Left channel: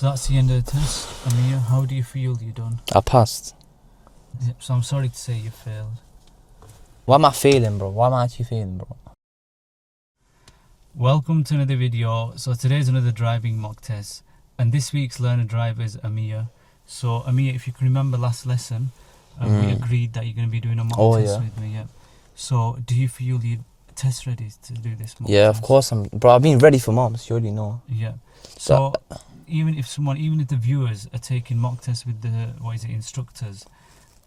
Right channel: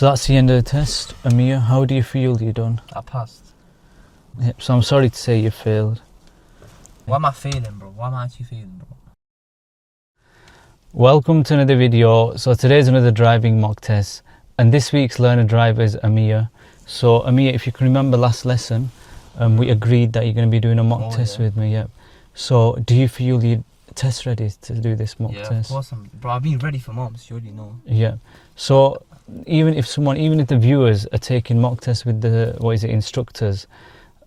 So that's the end of the test. Amir, how do you feel you done? I passed. Yep, so I'm sorry to say you failed. Why am I failing, bro? Why am I actually failing, bro? Welcome to another video. So today's another driving mock test, and this week's learner driver is Amir. So Amir, if you can remember last lesson, we agreed that you're going to be doing a mock test with me. Yep. So do you feel you're test ready to do this mock test? Yeah, of course bro, I've been ready for months, you already know. Yeah. So even if the viewers are taking mock tests with the instructors,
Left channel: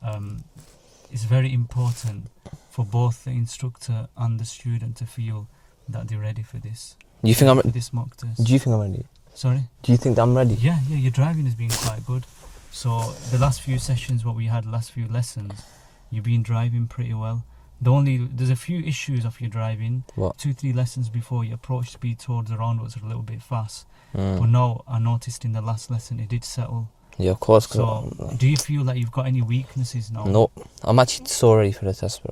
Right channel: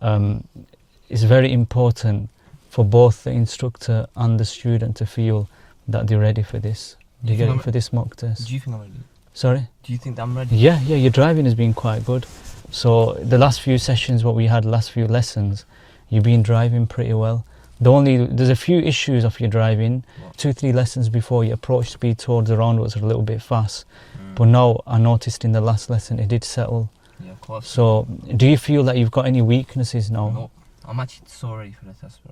it's very important for both the instructor and the student to feel that they're ready for this. Do you think I'm for this mock test? Do you think I'm ready? Sorry? Do you think that I'm ready? Yeah, your driving has been quite good. So the last few sessions, last few lessons, you've been driving pretty well. There's a few issues of your driving. What? 2-3 lessons before, your approach speed towards the roundabouts are a little bit fast. But now I noticed in the last lesson it did settle. Yeah, of course. So do you feel that you've got any weaknesses now? No, I'm actually so ready for the test, bro.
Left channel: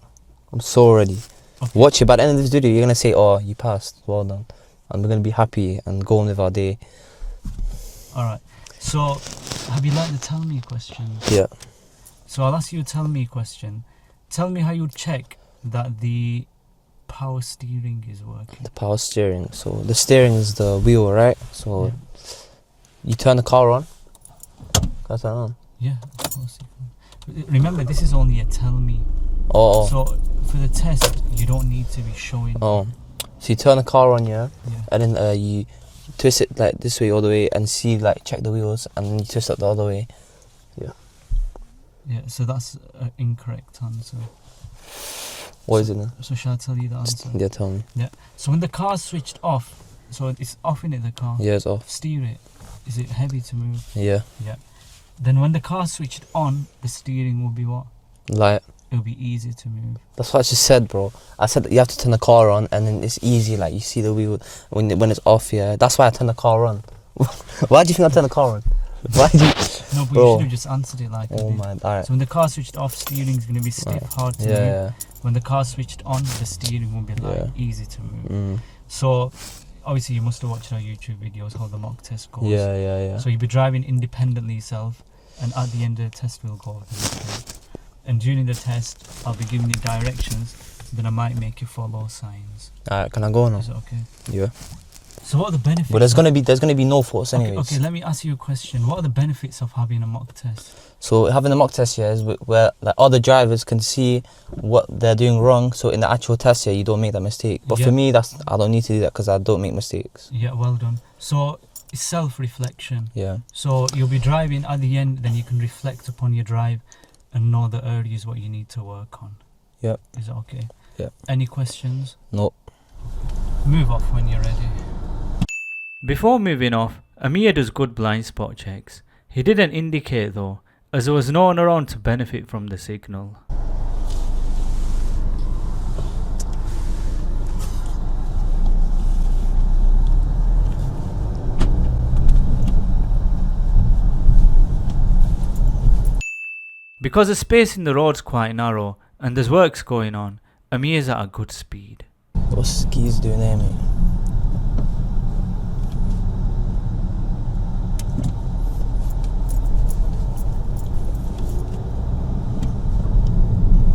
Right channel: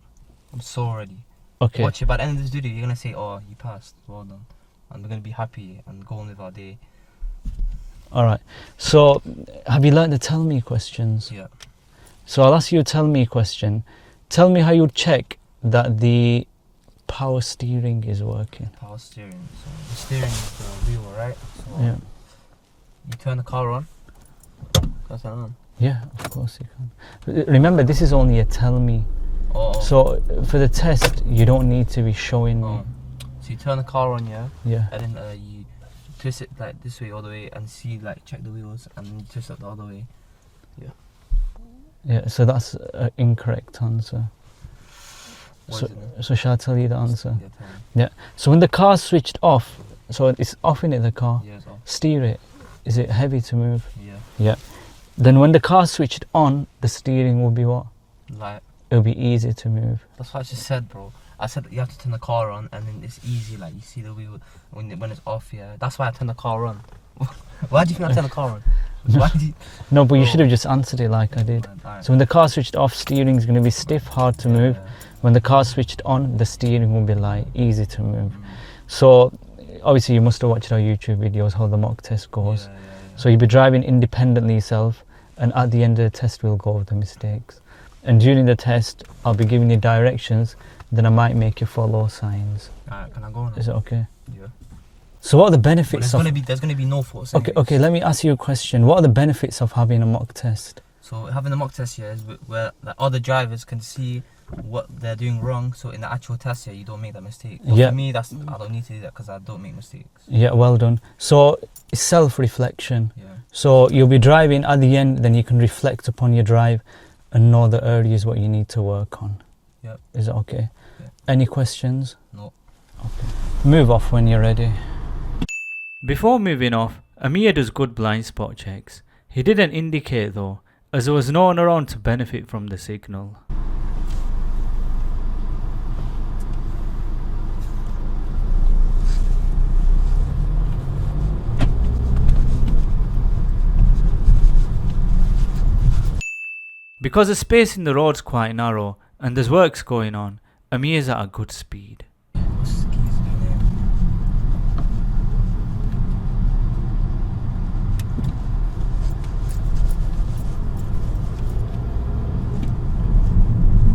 I'm so ready. Okay. Watch it, by the end of this video, you're going to say, oh, you passed, well done. And we're going to be happy and go on with our day. Alright, so have you learned the tell me questions? Yeah. So I'll ask you a tell me question. Tell me how you check that the power steering is working. The power steering. So the steering is the wheel, right? So yeah. You turn the car on. Can I turn it on? Yeah, of course you can. Remember, this is only a tell me. Oh. So for the test, you don't need to be showing. Oh. So you turn the car on, yeah? Yeah. And then you twist it like this way all the way and see, like, check the wheels, and then you twist it the other way. Yeah. Yeah, so that's an incorrect answer. What is it then? So shall I tell you the answer? Yeah, tell me. Yeah. So when the car's switched off, so it's off in it, the car. Yeah, it's off. Steer it. Is it heavy to move? Yeah. Yeah. Then when the car's switched on, the steering will be what? Light. It'll be easy to move. That's what I just said, bro. I said that you have to turn the car on, and then it's easy, like, you see the wheel when it's off, yeah. That's why I turn the car on. Why do you think I turn the car on? Why do you... No, but bro. you should have just answered it like I did. Right. So when the car switched off, steering's going to be stiff, hard to move. Yeah. When the car switched on, the steering will be light, easy to move. So obviously you must have watched our YouTube videos, how the mock test goes. Yeah. So you'll be driving independently yourself, and at the end of the test we'll go over the mistakes. And during the test, I'll be giving you directions, then I might make you follow signs. Alright, can I go now? Is it okay? Yeah. So what are the benefits? But there's gonna be no faults anyways. Okay, let me ask you a question. What are the benefits of having a mock test? So having a mock test here is where like other drivers can see what they're doing wrong. So in the actual test here, you don't make that mistake. But for me, I don't need to do that because I don't make mistakes. Yeah, well done. So it's self-reflection. Yeah. So you'll be driving at the end, then you can reflect upon your drive and know the areas what you need to work on. Yeah. Is it okay? Yeah. Any questions? No. Okay. Move off when you're ready. Before moving off, Amir does good blind spot checks. He didn't indicate though, as there was no one around to benefit from the signal. Because the space in the road's quite narrow and there's works going on, Amir's at a good speed. What's skis doing there, mate?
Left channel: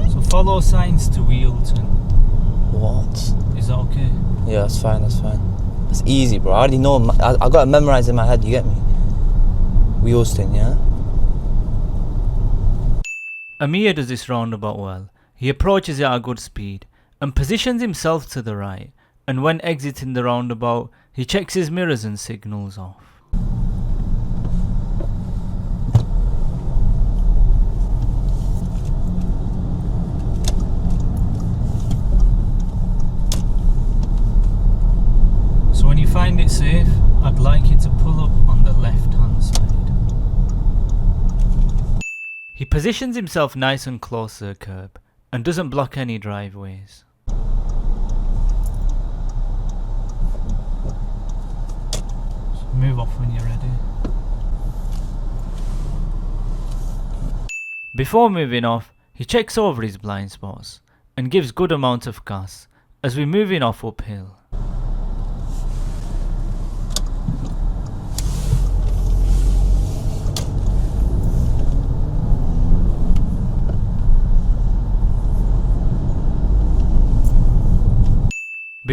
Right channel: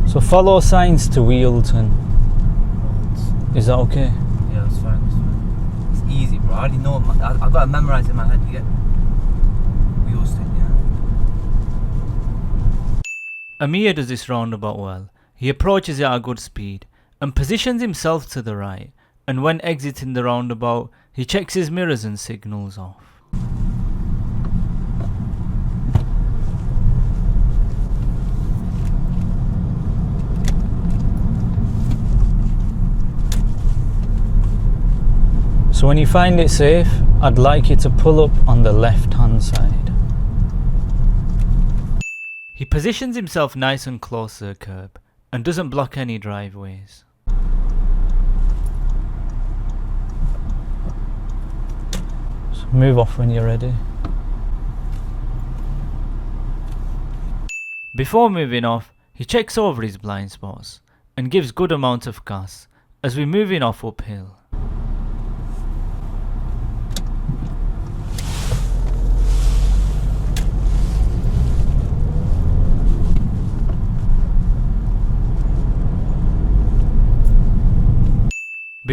So follow signs to Wheelton. What? Is that okay? Yeah, that's fine, It's easy, bro. I already know, I got it memorized in my head, you get me? Wheelston, yeah? Amir does this roundabout well. He approaches it at a good speed and positions himself to the right, and when exiting the roundabout, he checks his mirrors and signals off. So when you find it safe, I'd like you to pull up on the left hand side. He positions himself nice and close to the curb and doesn't block any driveways. So move off when you're ready. Before moving off, he checks over his blind spots and gives good amount of gas as we're moving off uphill.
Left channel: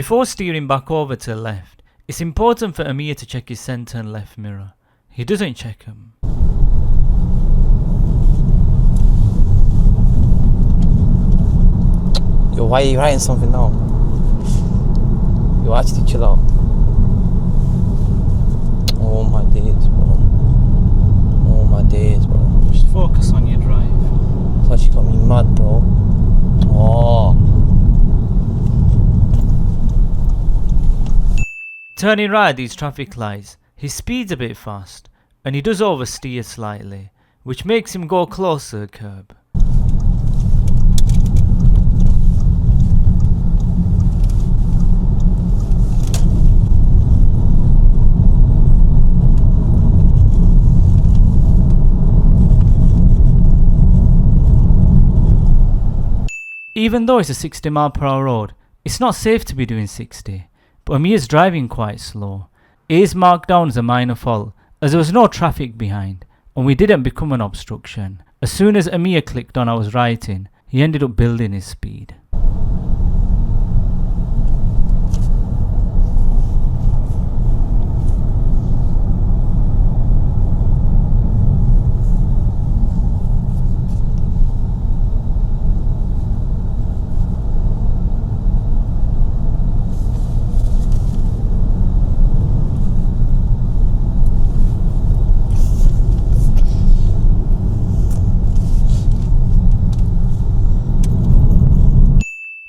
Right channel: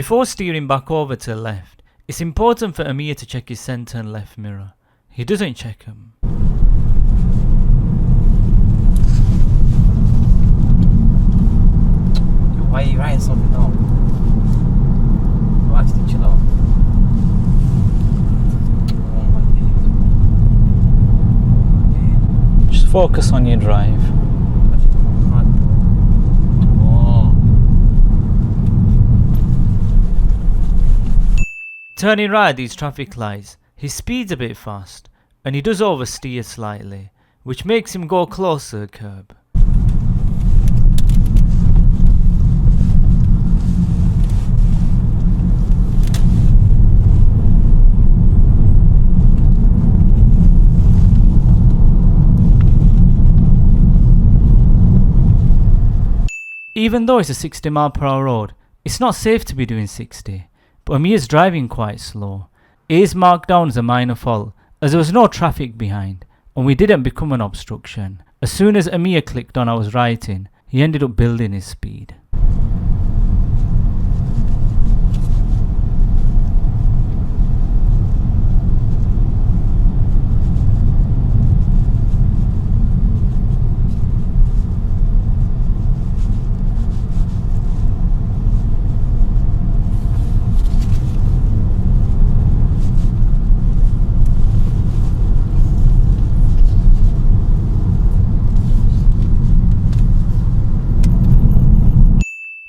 Before steering back over to the left, it's important for Amir to check his centre and left mirror. He doesn't check them. Yo, why are you writing something now? Yo, actually chill out. Oh my days, bro. Oh my days, bro. Just focus on your drive. It's actually got me mad, bro. Oh. Turning right at these traffic lights, he speeds a bit fast, and he does oversteer slightly, which makes him go close to the curb. Even though it's a 60 mph road, it's not safe to be doing 60, but Amir's driving quite slow. It is marked down as a minor fault, as there was no traffic behind, and we didn't become an obstruction. As soon as Amir clicked on I was writing, he ended up building his speed.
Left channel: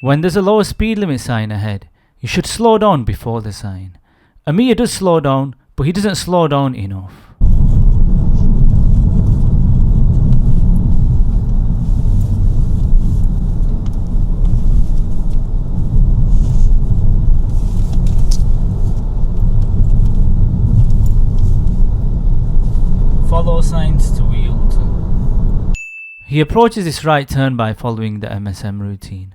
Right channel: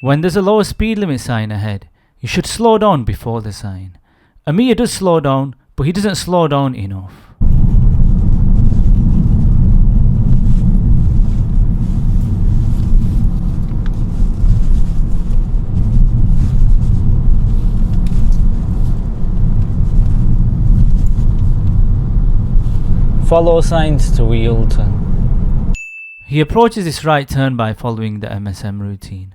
When there's a lower speed limit sign ahead, you should slow down before the sign. Amir does slow down, but he doesn't slow down enough. Follow signs to wheel turn. He approaches this right turn by following the MSM routine,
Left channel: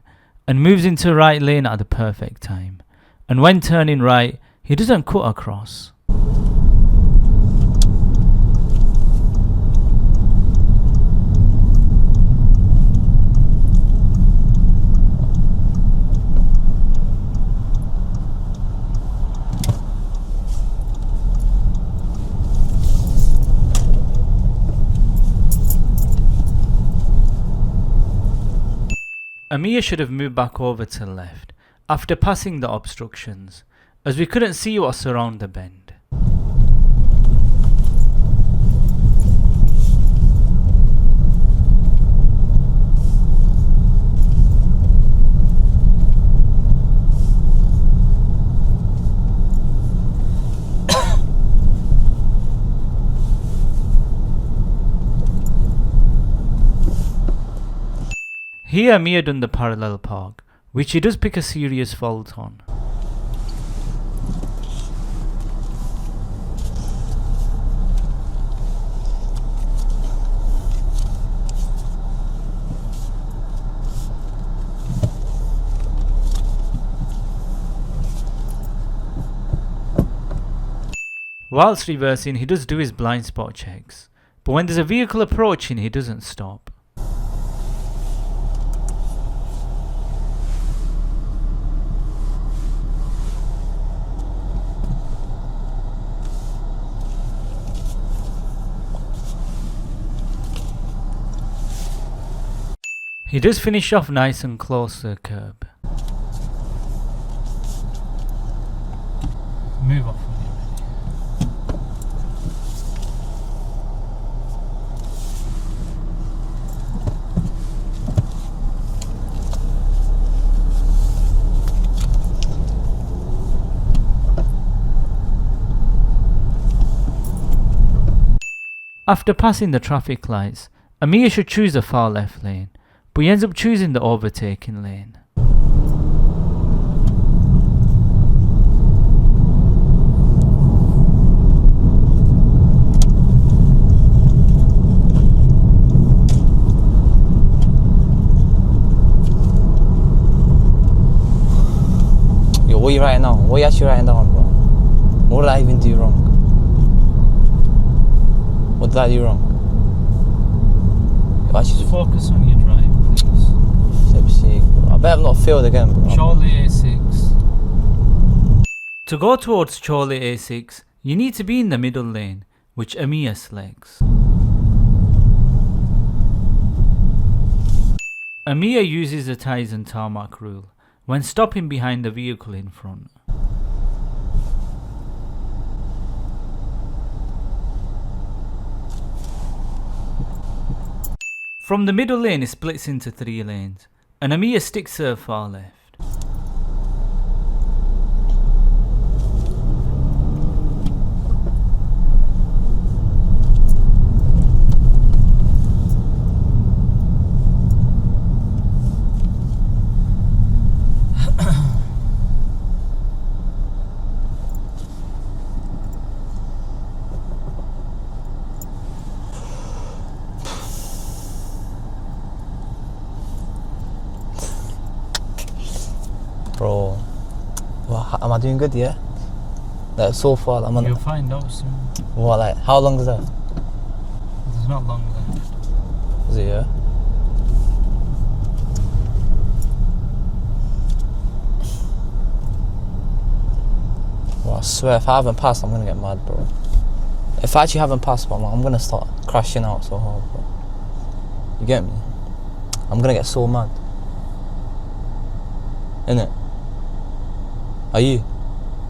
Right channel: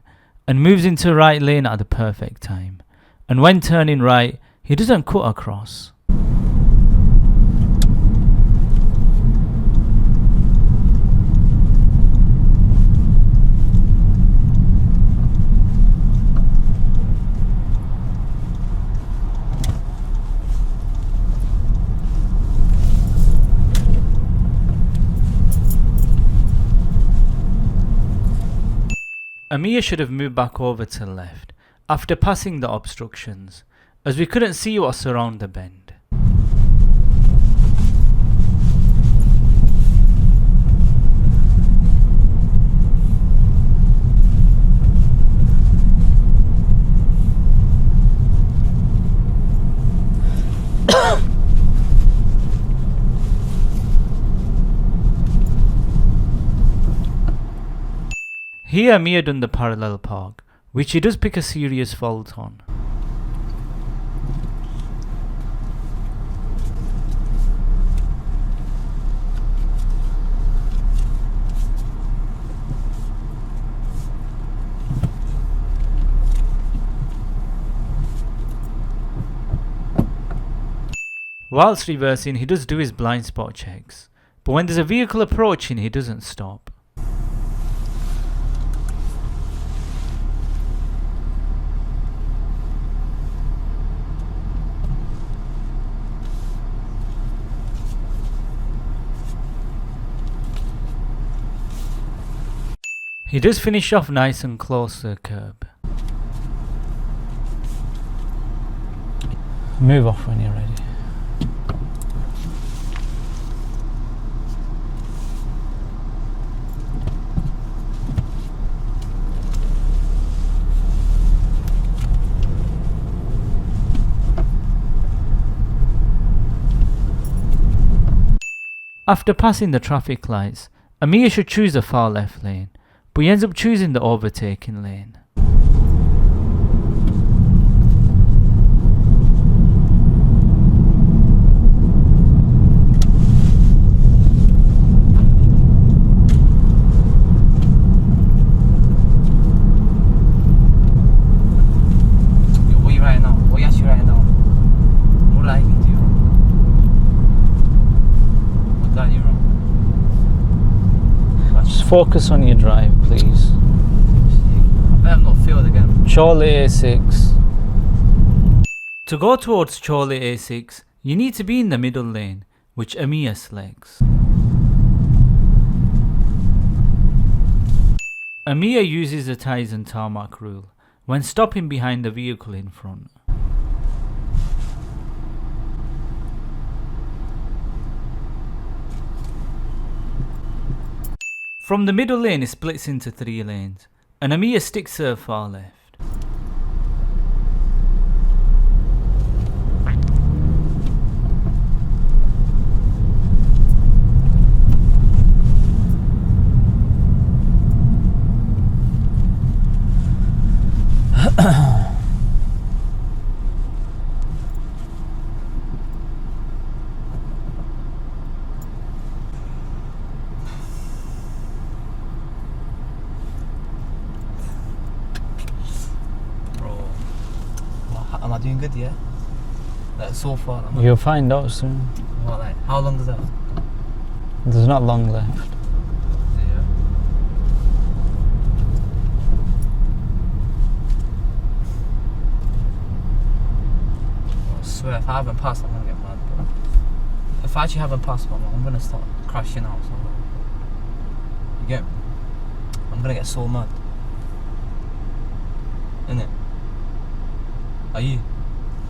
and moves into right lane at the perfect time. And when turning right, he doesn't cut across. Amir should have moved back over to the left after passing the obstructions, as we couldn't see what's around the bend. Here Amir done the parallel park, which he does pick a serious fault on. Whilst reversing, he does do his blind spot checks, but when there's a vehicle approaching, he doesn't stop. He does finish off nice and close to the curb. Move off when you're ready. After passing the traffic lights, Amir should choose the far left lane, but he ends up choosing the overtaking lane. Yo, what are you writing down? What are you actually writing down, bro? What did I even do wrong? What did I do wrong? Just focus on your drive, please. I bet I've not failed again, bro. Charlie A6. To go towards Chole A6, you need to be in the middle lane, which Amir selects. Amir uses the ties and tarmac rule when stopping behind the vehicle in front. From the middle lane it splits into 3 lanes, and Amir sticks to the far left. Bro, am I doing good, yeah? Like, so far, I'm on... You'll find out soon. What, like, how long is that? There's not long left. Is it, yeah? Well, I swear, if I haven't passed, I'm gonna get mad, bro. If I actually haven't passed, man, I'm gonna start crashing out so hard, bro. You get me? I'm gonna get so mad. Innit? Are you?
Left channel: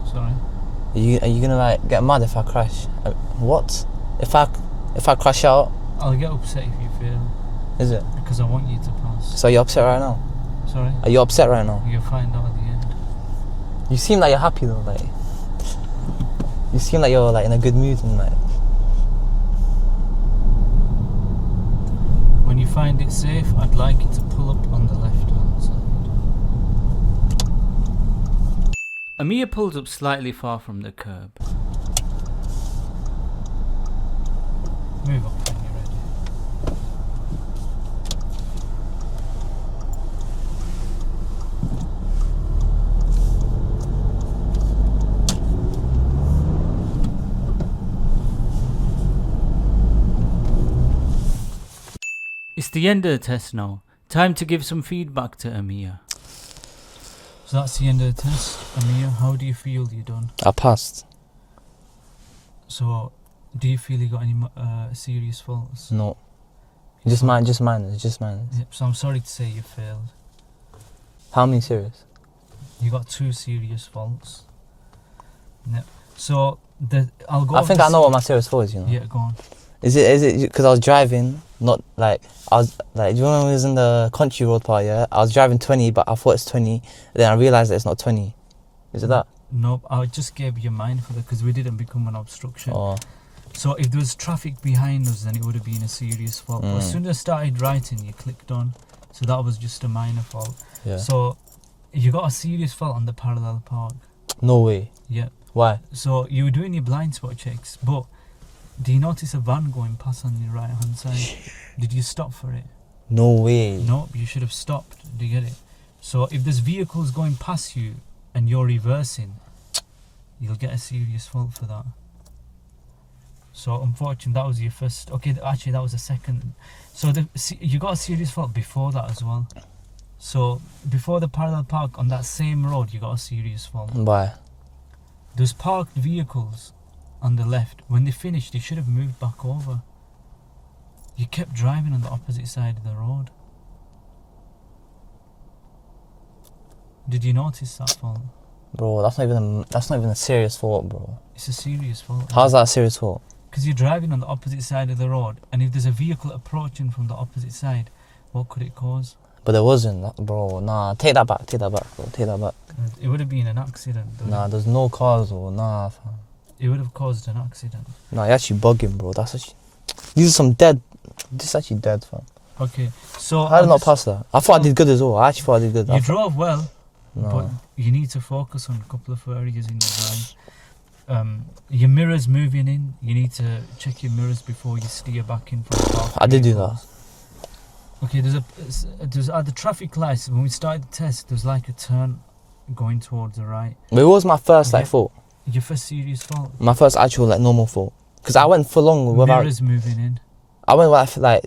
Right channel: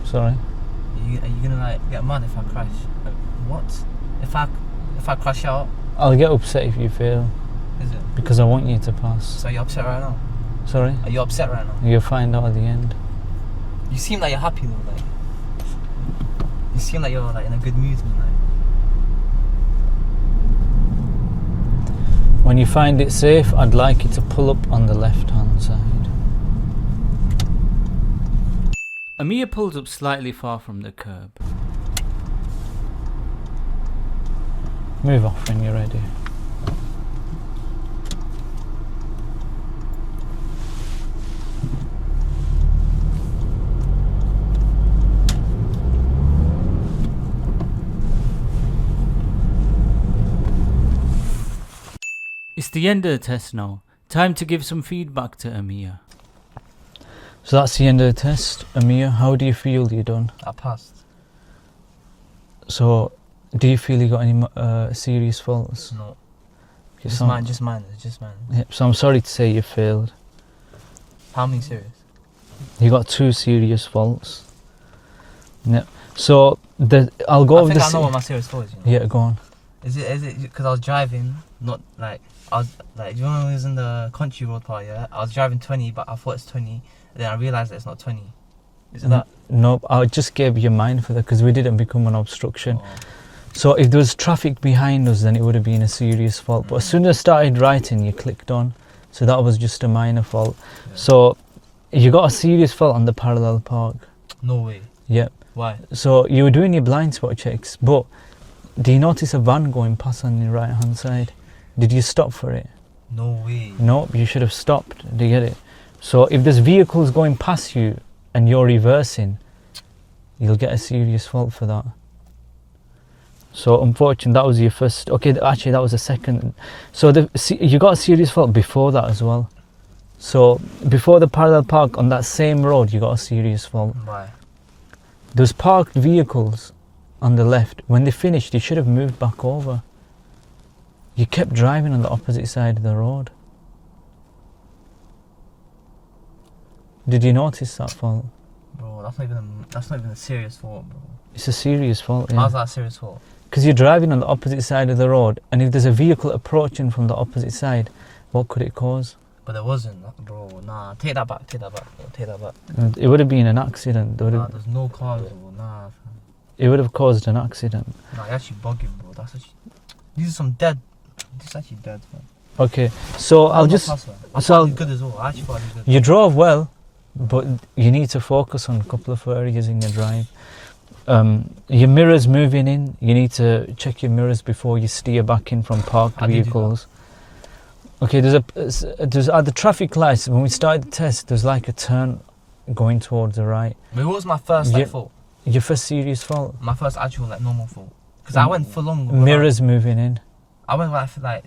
Sorry? Are you gonna like get mad if I crash? What? If I crash out? I'll get upset if you fail. Is it? Because I want you to pass. So you're upset right now? Sorry? Are you upset right now? You'll find out at the end. You seem like you're happy though, like. You seem like you're like in a good mood and like. When you find it safe, I'd like you to pull up on the left-hand side. Amir pulls up slightly far from the curb. Move off when you're ready. It's the end of the test now. Time to give some feedback to Amir. So that's the end of the test. Amir, how do you feel you done? I passed. So, do you feel you got any serious faults? No. It's Just mine. It's just mine. Yeah, so I'm sorry to say you failed. How many serious? You got 2 serious faults. Yeah. So I'll go. I think I know what my serious fault is. You know? Yeah, go on. Is it because I was driving? Not like I was like. Do you remember when we was in the country road part? Yeah, I was driving 20, but I thought it's 20. Then I realised that it's not 20. Is it that? No, I just gave you mine for that because we didn't become an obstruction. Oh. So if there was traffic behind us, then it would have been a serious fault. But as soon as I started writing, you clicked on. So that was just a minor fault. Yeah. So you got a serious fault on the parallel park. No way. Yep. Why? So you were doing your blind spot checks, but do you notice a van going past on your right hand side? Did you stop for it? No way. Nope, you should have stopped. Do you get it? So if there's vehicles going past you and you're reversing, you'll get a serious fault for that. So unfortunately, that was your first. Okay, actually that was the second. So you got a serious fault before that as well. So before the parallel park on that same road, you got a serious fault. Why? Those parked vehicles on the left, when they finished, you should have moved back over. You kept driving on the opposite side of the road. Did you notice that fault? Bro, that's not even a serious fault, bro. It's a serious fault. How's that a serious fault? Because you're driving on the opposite side of the road, and if there's a vehicle approaching from the opposite side, what could it cause? But there wasn't, bro. Nah, take that back, bro. Take that back. It would have been an accident. Nah, there's no cars or nah, fam. It would have caused an accident. Nah, you're actually bugging, bro. That's actually. These are some dead. This is actually dead, fam. Okay, so I'll not just pass that. I thought I did good as well. I actually thought I did good. You drove well, No. but you need to focus on a couple of areas in your drive. Your mirrors moving in. You need to check your mirrors before you steer back in from parked I did do vehicles. Okay, there's at the traffic lights. When we started the test, there's like a turn going towards the right. But it was my first fault. Your first serious fault. My first actual normal fault. Because I went for long without. Mirrors moving in. I went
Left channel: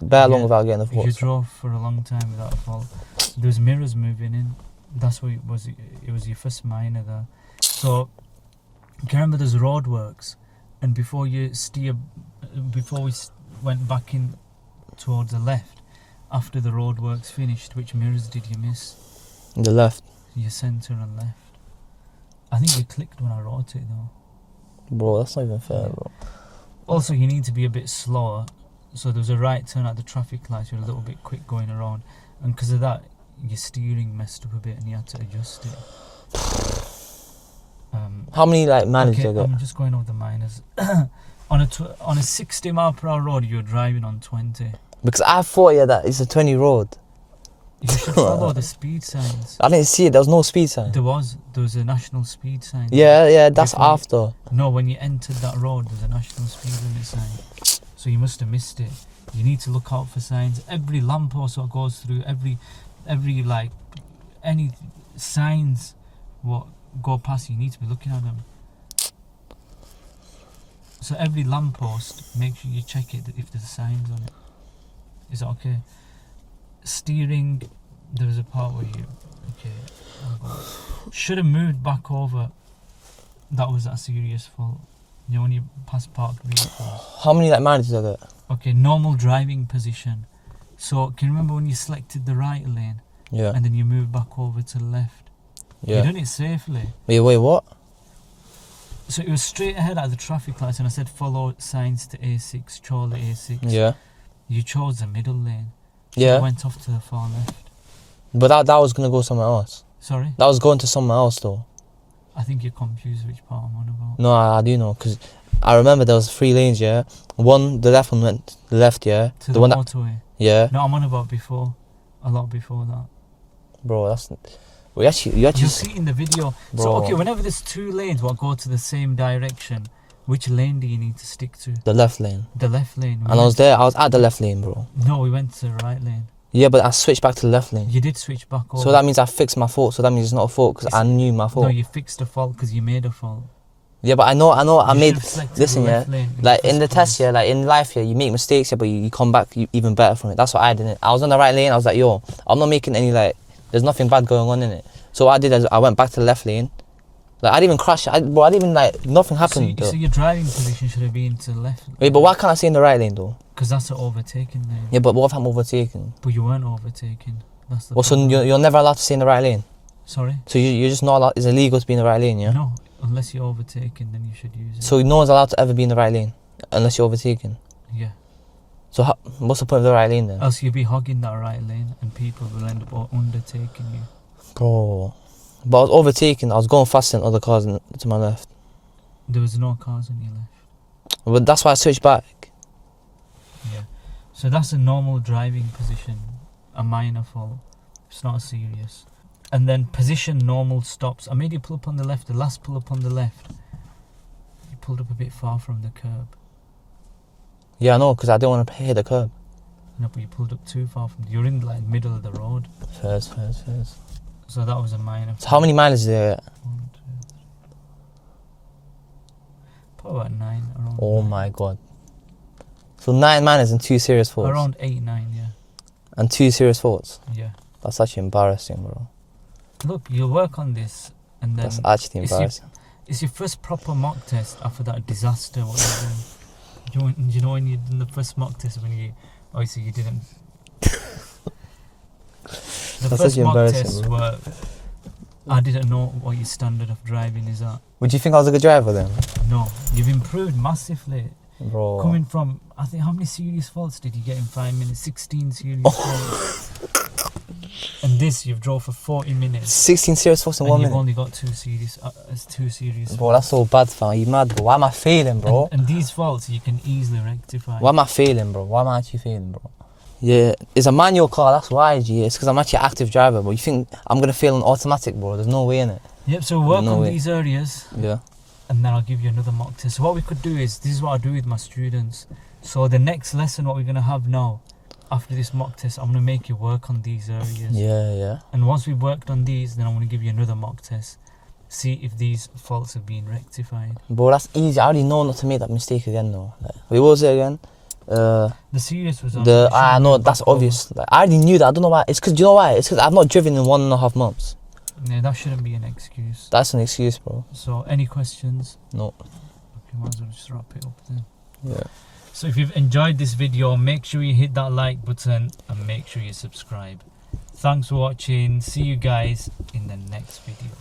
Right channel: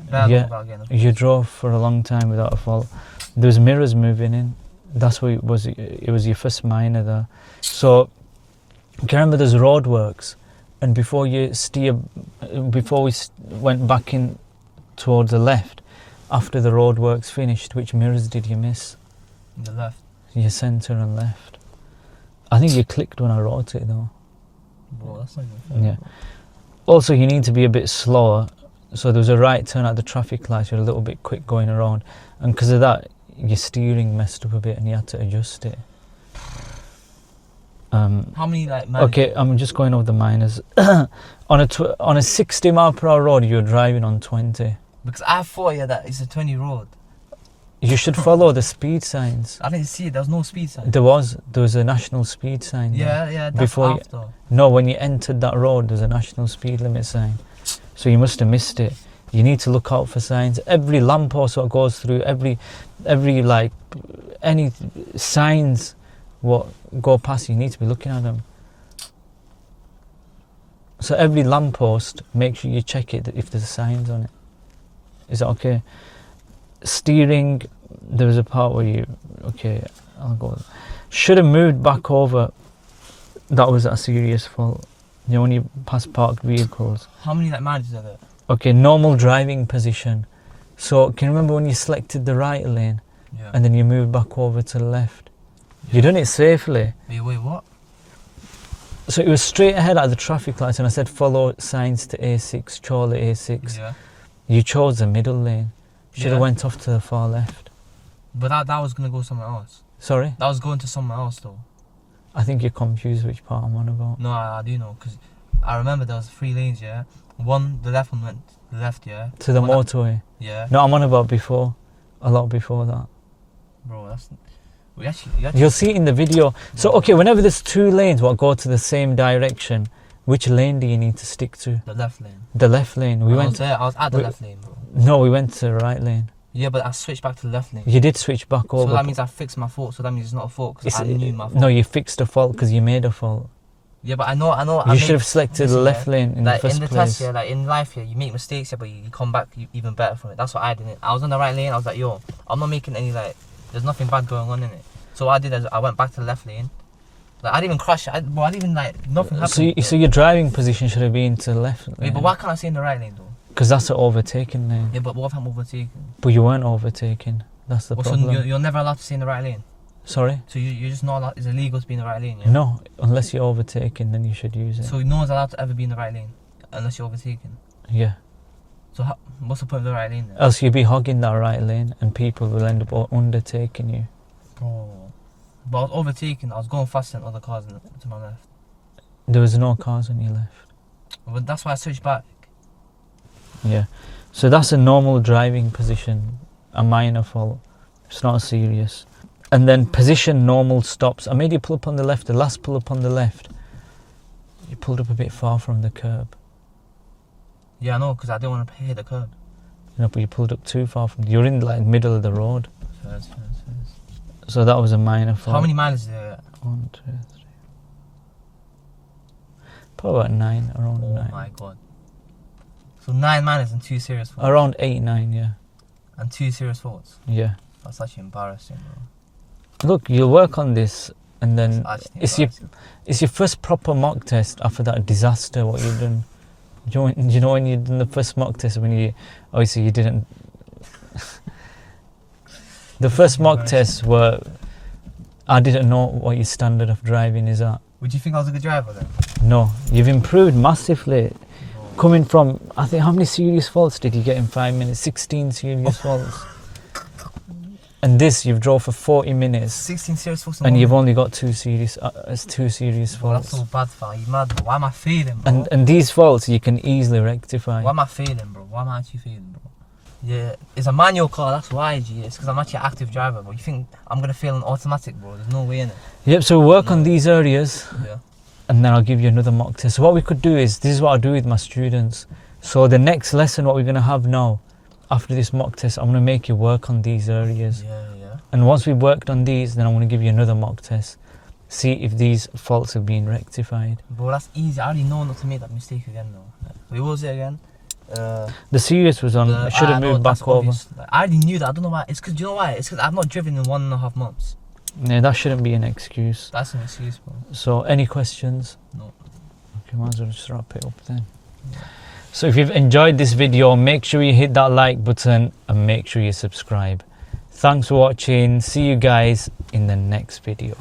bare long without getting a fault. You drove for a long time without a fault. There was mirrors moving in. That's what it was. It was your first minor there. So you can remember there's roadworks, and before you steer, before we went back in towards the left, after the roadworks finished, which mirrors did you miss? The left. Your centre and left. I think you clicked when I wrote it though. Bro, that's not even fair, Yeah. bro. Also, you need to be a bit slower. So there was a right turn at the traffic lights. You're a little bit quick going around, and because of that, your steering messed up a bit, and you had to adjust it. How many like mileage? Okay, I'm just going over the minors. on a 60 mile per hour road, you're driving on 20. Because I thought that it's a 20 road. You should follow the speed signs. I didn't see it. There was no speed sign. There was a national speed sign. Yeah, that's Before after. No, when you entered that road, there's a national speed limit sign. So you must have missed it. You need to look out for signs. Every lamppost that goes through, every like any signs what go past, you need to be looking at them. So every lamppost, make sure you check it if there's signs on it. Is that okay? Steering, there was a part where you, okay, I'll go. Should have moved back over. That was a serious fault. You know, when you pass parked vehicles. How many like mileage did I get? Okay, normal driving position. So can you remember when you selected the right lane? Yeah. And then you moved back over to the left? Yeah. You done it safely. Wait, what? So it was straight ahead at the traffic lights, and I said follow signs to A6, Chorley A6. Yeah. You chose the middle lane. Should have went off to the far left. But that was gonna go somewhere else. Sorry? That was going to somewhere else though. I think you're confused which part I'm on about. No, I do know, because I remember there was 3 lanes, yeah. The left one went the left, yeah. To the motorway? Yeah. No, I'm on about before. A lot before that. Bro, that's... You actually... You'll see it in the video. So, Bro. okay, whenever there's 2 lanes what go to the same direction, which lane do you need to stick to? The left lane. The left lane. I was at the left lane, bro. No, we went to the right lane. Yeah, but I switched back to the left lane. You did switch back over. So that means I fixed my fault. So that means it's not a fault because I knew my fault. No, you fixed a fault because you made a fault. Yeah, but I know. You should have selected the left lane. Like in the test, yeah, like in life, yeah, you make mistakes, yeah, but you come back even better from it. That's what I did. I was on the right lane. I was like, yo, I'm not making any there's nothing bad going on in it. So what I did is I went back to the left lane. Like I didn't even crash. I didn't even nothing happened. So your driving position should have been to the left. Wait, but why can't I stay in the right lane though? Because that's an overtaking lane. Yeah, but what if I'm overtaken? But you weren't overtaken. That's the problem. So you're never allowed to stay in the right lane? Sorry? So you're just not allowed, it's illegal to be in the right lane, yeah? No, unless you're overtaken, then you should use it. So no one's allowed to ever be in the right lane, unless you're overtaken? Yeah. So what's the point of the right lane then? Else you'd be hogging that right lane and people will end up undertaking you. Bro. But I was overtaken, I was going faster than other cars to my left. There was no cars on your left. But that's why I switched back. Yeah. So that's a normal driving position, a minor fault. It's not serious. And then position normal stops. I made you pull up on the left, the last pull up on the left. You pulled up a bit far from the curb. Yeah, I know, because I didn't want to hit the curb. No, but you pulled up too far from. You're in like middle of the road. Fairs. So that was a minor fault. So how many miles is there? 1, 2, 3. Probably about 9. Around. Oh 9. my god. So 9 miles and 2 serious faults. Around 8, 9. Yeah. And 2 serious faults. Yeah. That's actually embarrassing, bro. Look, you'll work on this, and then That's actually embarrassing. it's your first proper mock test after that disaster. What you've done. Do you know when you done the first mock test when you obviously you didn't. The first mock test were. I didn't know what your standard of driving is at. Would you think I was a good driver then? No, you've improved massively. Bro. Coming from, I think, how many serious faults did you get in 5 minutes? 16 serious faults. And this, you've drove for 40 minutes. 16 serious faults in and 1 you've minute. only got 2 serious Bro, that's so bad, fam. You mad, bro? Why am I failing, bro? And these faults you can easily rectify. Why am I failing, bro? Why am I actually failing, bro? Yeah, it's a manual car, that's why, G. It's because I'm actually an active driver, bro. You think I'm going to fail on automatic, bro? There's no way in it. Yep, so work on these areas. Yeah. And then I'll give you another mock test. So what we could do is, this is what I do with my students. So the next lesson, what we're going to have now, after this mock test, I'm going to make you work on these areas. Yeah. And once we've worked on these, then I'm going to give you another mock test. See if these faults have been rectified. Bro, that's easy. I already know not to make that mistake again, though. Wait, what was it again? The serious was on. I know, that's obvious. Like, I already knew that. I don't know why. It's because, do you know why? It's because I've not driven in 1.5 months. Yeah, that shouldn't be an excuse. That's an excuse, bro. So, any questions? No. Okay, might as well just wrap it up then. Yeah. So if you've enjoyed this video, make sure you hit that like button and make sure you subscribe. Thanks for watching. See you guys in the next video.